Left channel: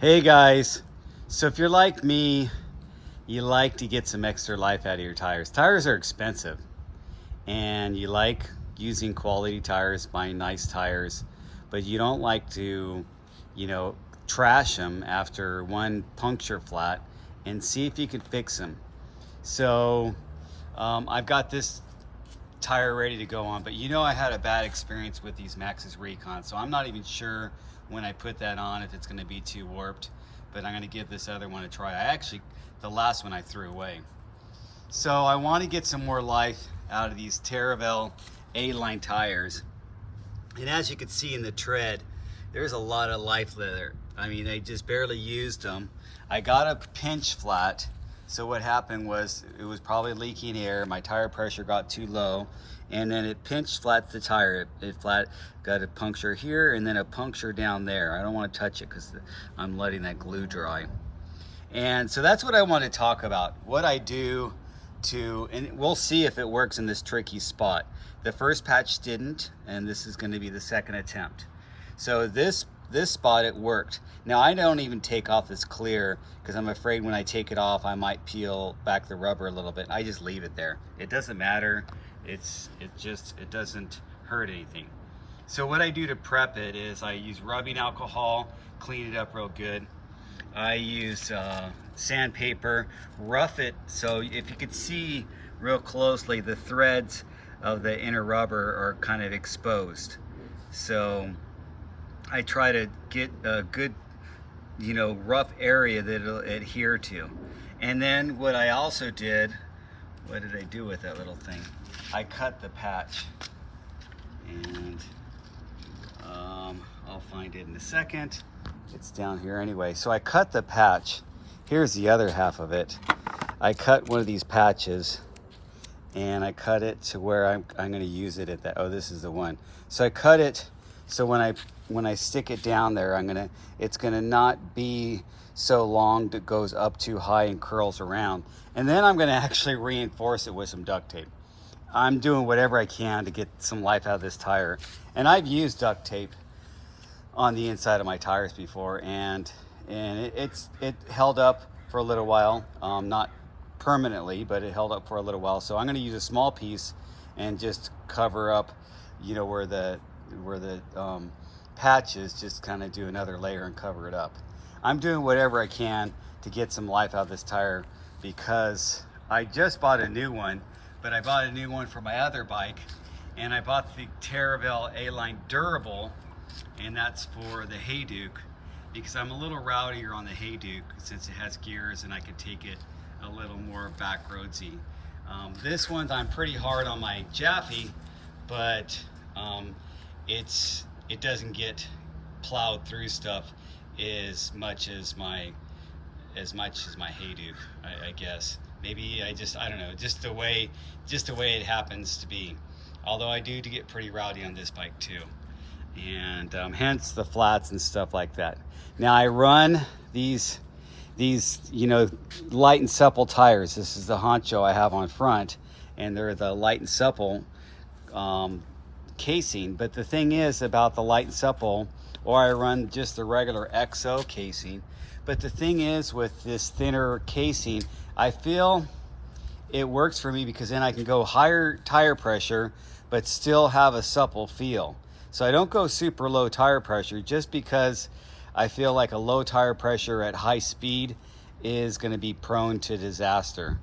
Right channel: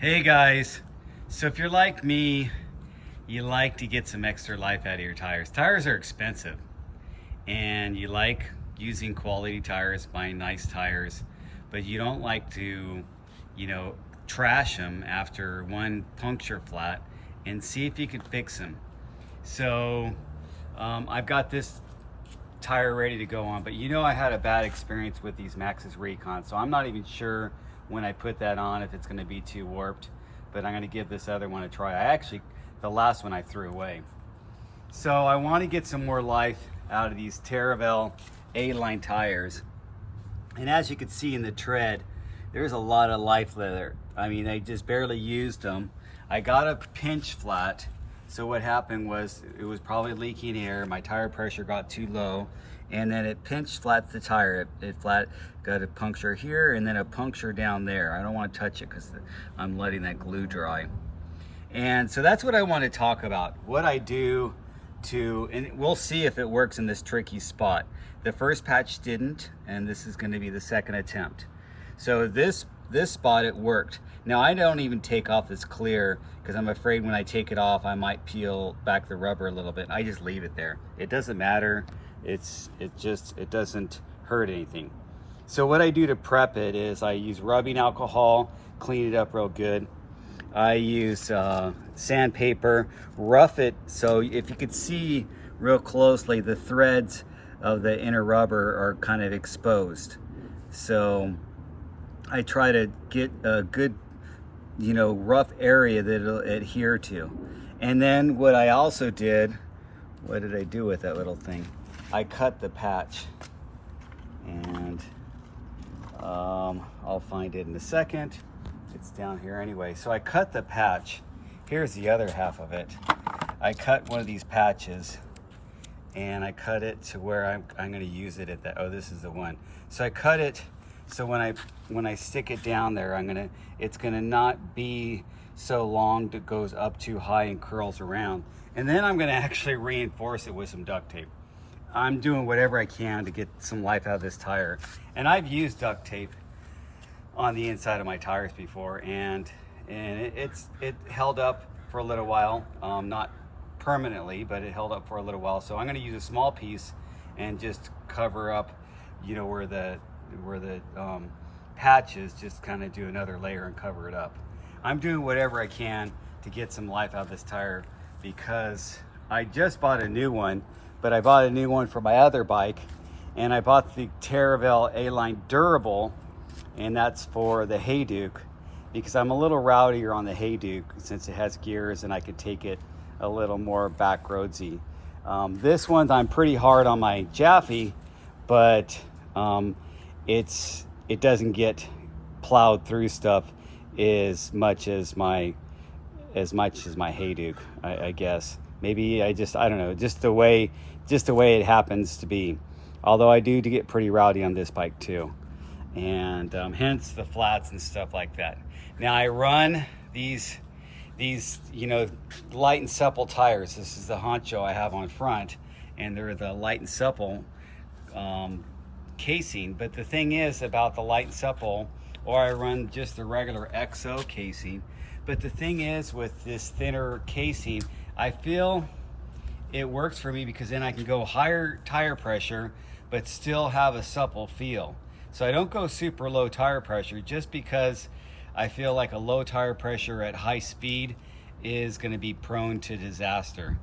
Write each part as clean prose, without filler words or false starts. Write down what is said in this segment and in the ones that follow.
Hey guys, so if you're like me, you like to get some extra life out of your tires. Tires are expensive and you like using quality tires, buying nice tires, but you don't like to, trash them after one puncture flat and see if you can fix them. So I've got this tire ready to go on, but I had a bad experience with these Maxxis Recon, so I'm not even sure when I put that on if it's going to be too warped, but I'm going to give this other one a try. The last one I threw away. So I want to get some more life out of these Taravel A-line tires, and as you can see in the tread, there's a lot of life there. I mean, I just barely used them. I got a pinch flat. So what happened was it was probably leaking air. My tire pressure got too low, and then it pinch flat the tire. It got a puncture here and then a puncture down there. I don't want to touch it because I'm letting that glue dry. And so that's what I want to talk about. What I do and we'll see if it works in this tricky spot. The first patch didn't, and this is going to be the second attempt. So this spot it worked. Now I don't even take off this clear because I'm afraid when I take it off I might peel back the rubber a little bit. I just leave it there. It doesn't matter. It doesn't hurt anything. So what I do to prep it is I use rubbing alcohol, clean it up real good. I use sandpaper, rough it so if you could see real closely the threads of the inner rubber are kind of exposed. So I try to get a good, rough area that it'll adhere to. And then what I also did, what did I do with that little thing? I cut the patch, and I'll find it in a second. It's down here anyway. So I cut the patch. Here's the other half of it. I cut one of these patches, and I cut it to where I'm going to use it at that. Oh, this is the one. So I cut it so when I stick it down there, it's gonna not be so long that it goes up too high and curls around. And then I'm gonna actually reinforce it with some duct tape. I'm doing whatever I can to get some life out of this tire. And I've used duct tape on the inside of my tires before, and it held up for a little while, not permanently, but it held up for a little while. So I'm gonna use a small piece and just cover up, where the patch is, just kind of do another layer and cover it up. I'm doing whatever I can to get some life out of this tire because I just bought a new one, but I bought a new one for my other bike, and I bought the Taravel A-Line Durable, and that's for the Hayduke because I'm a little rowdier on the Hayduke since it has gears and I could take it a little more back roadsy. This one I'm pretty hard on my Jaffe, but it doesn't get plowed through stuff as much as my Hayduke, I guess. Maybe I don't know, just the way it happens to be. Although I do get pretty rowdy on this bike too, and hence the flats and stuff like that. Now I run these light and supple tires. This is the honcho I have on front, and they're the light and supple casing. But the thing is about the light and supple, or I run just the regular XO casing. But the thing is with this thinner casing, I feel it works for me because then I can go higher tire pressure but still have a supple feel. So I don't go super low tire pressure just because I feel like a low tire pressure at high speed is going to be prone to disaster.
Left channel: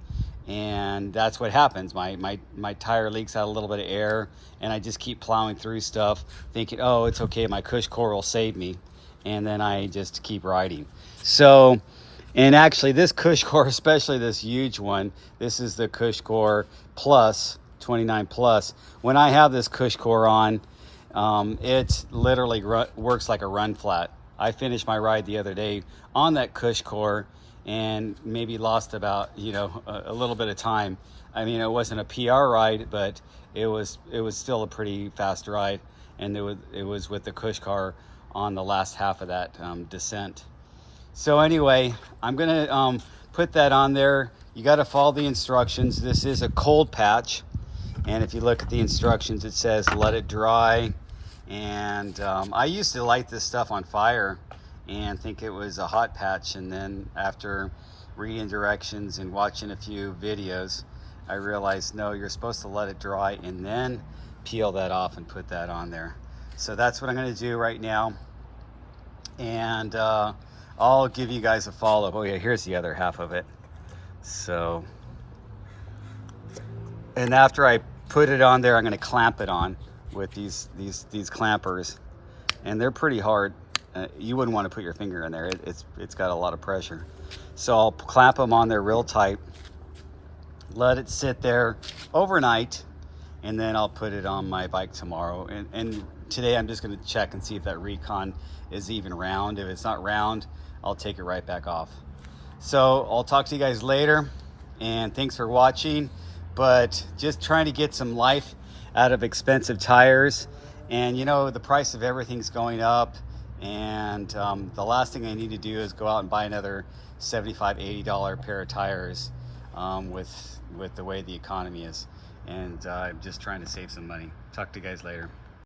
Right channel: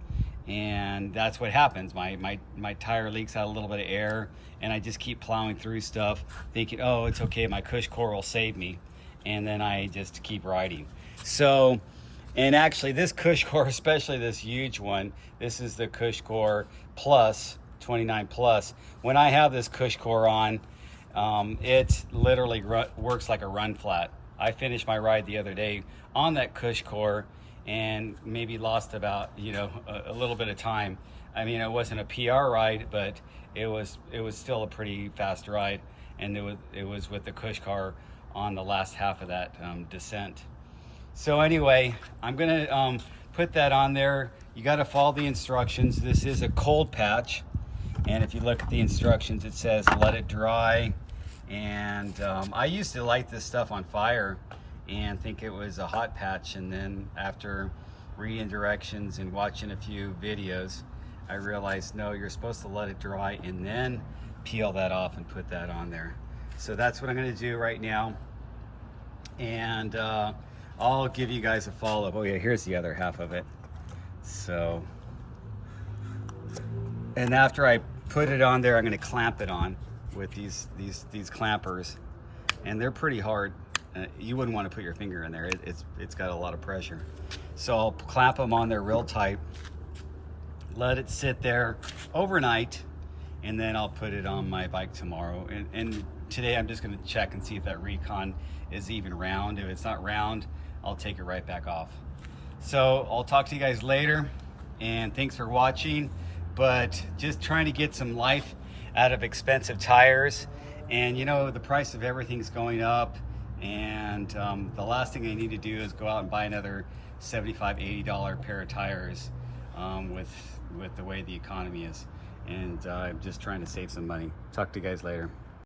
And that's what happens. My tire leaks out a little bit of air, and I just keep plowing through stuff thinking, oh, it's okay, my cush core will save me, and then I just keep riding. So, and actually this cush core, especially this huge one, this is the cush core plus 29 plus. When I have this cush core on, it literally works like a run flat. I finished my ride the other day on that cush core and maybe lost about a little bit of time. I mean, it wasn't a PR ride, but it was still a pretty fast ride, and it was with the cush car on the last half of that descent. So anyway, I'm gonna put that on there. You got to follow the instructions. This is a cold patch, and if you look at the instructions, it says let it dry. And I used to light this stuff on fire and think it was a hot patch, and then after reading directions and watching a few videos, I realized no, you're supposed to let it dry and then peel that off and put that on there. So that's what I'm going to do right now, and I'll give you guys a follow-up. Oh yeah, here's the other half of it. So, and after I put it on there, I'm going to clamp it on with these clampers, and they're pretty hard. You wouldn't want to put your finger in there. It's got a lot of pressure. So I'll clamp them on there real tight, let it sit there overnight, and then I'll put it on my bike tomorrow. And today I'm just going to check and see if that Recon is even round. If it's not round, I'll take it right back off. So I'll talk to you guys later, and thanks for watching. But just trying to get some life out of expensive tires, and you know, the price of everything's going up, and the last thing I need to do is go out and buy another $75–80 pair of tires with the way the economy is, and I'm just trying to save some money. Talk to you guys later.